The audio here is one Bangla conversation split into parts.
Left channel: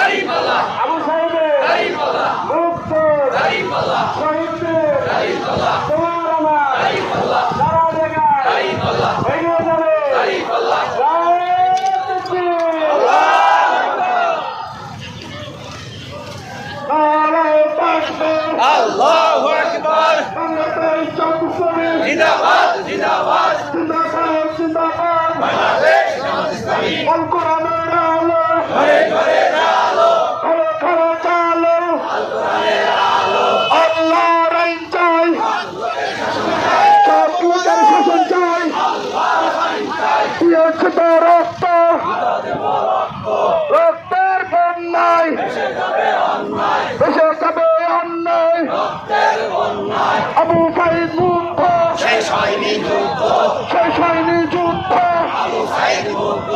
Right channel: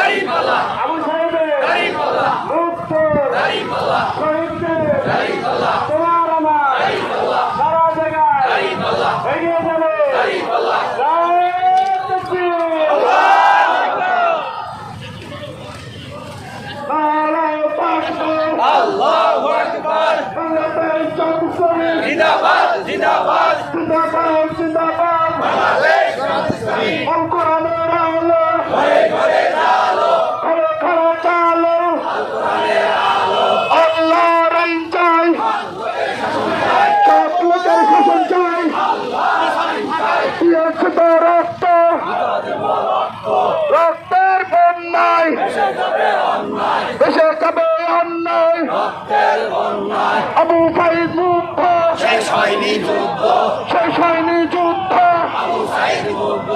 সব জায়গায় আবু সাহেবের মুক্ত শহীদদের তোমার আমার সারা জায়গায় এগিয়ে যাবে জিন্দাবাদ জিন্দাবাদ। জিন্দাবাদ জিন্দাবাদ। বাংলাদেশ ইসলামী দিয়েছে তো রক্ত। রক্তের বন্যায়। দেশে যাবে অন্যায়। আবু সাইদ মুক্ত শেষ হয়নি যুদ্ধ। শেষ হয়নি যুদ্ধ। আবু সাইদ মুগ্ধ।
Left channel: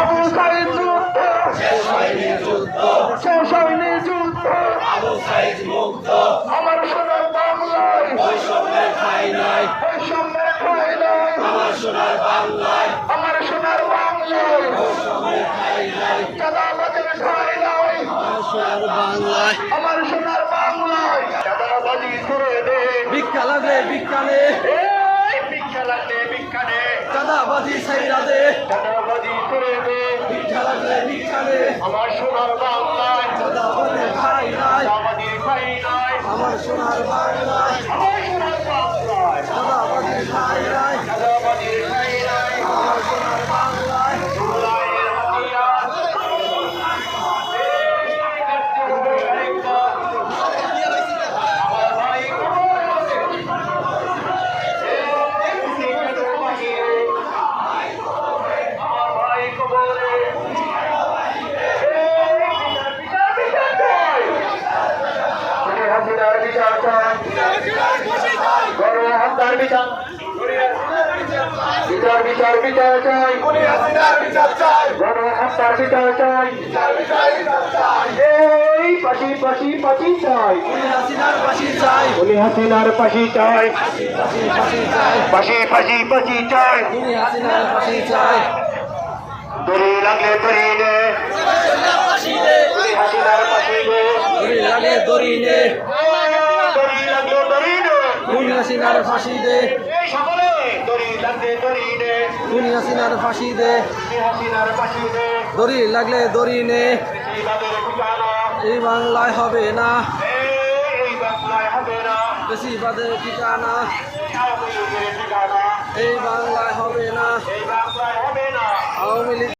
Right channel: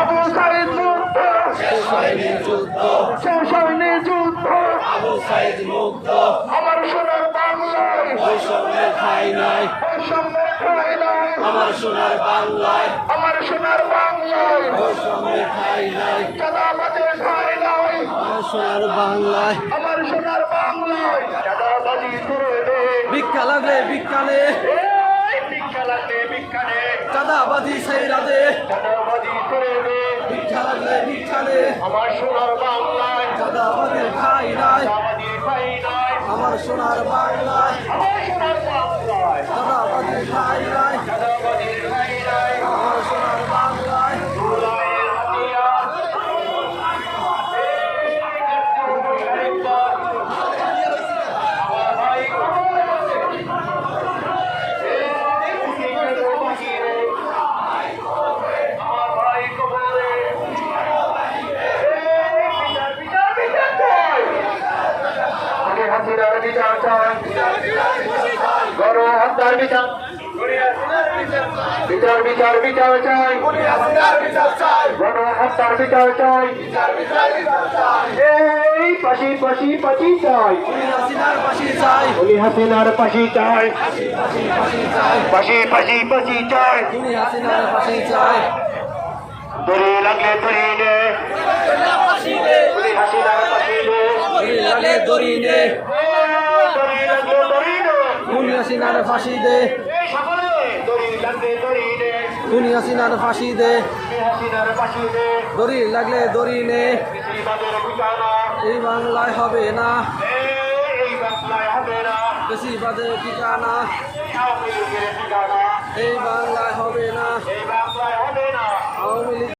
আবু সাইদ মুক্ত শেষ হয়নি যুদ্ধ। শেষ হয়নি যুদ্ধ। আবু সাইদ মুগ্ধ। আমার সোনার বাংলায়। ঠাই নাই। বৈষম্যের ঠাঁই নাই। আমার সোনার বাংলায়। সোনার বাংলায় চাঁদাবাজের ঠাঁই নাই? আমার সোনার বাংলায়। চাঁদাবাজি করে দে ভিক্ষা নে এই ভিক্ষা লাগলে ভিক্ষা সাইরা দে চাঁদাবাজি করে দে ভিক্ষা লাগলে ভিক্ষা আমার সোনার বাংলায়। নাই? ঠাঁই নাই? আমার সোনার বাংলায়। আমার সোনার বাংলায়। চাঁদাবাজি ঠাই নাই? হত্যার বিচার। বিচার বিচার বিচার চাই। গণ হত্যার বিচার চাই। এই পাশি পাশি পাশি চাই। বলি হাসিনার পাশি চাই। পাশি পাশি পাশি চাই। দড়ি লাগলে দড়ি নে। হাসিনার পাশি নে। দড়ি লাগে দড়ি নে। দড়ি লাগলে দড়ি নে। উনি হাসিনার ফাঁসি দে। সকলে দড়ি লাগলে দড়ি নে উনি হাসিনার ফাঁসি দে। দড়ি লাগলে দড়ি নে। এই বাংলায় হবে না। হবে না ঠিকানা। এই বাংলায় হবে না। আওয়ামী লীগ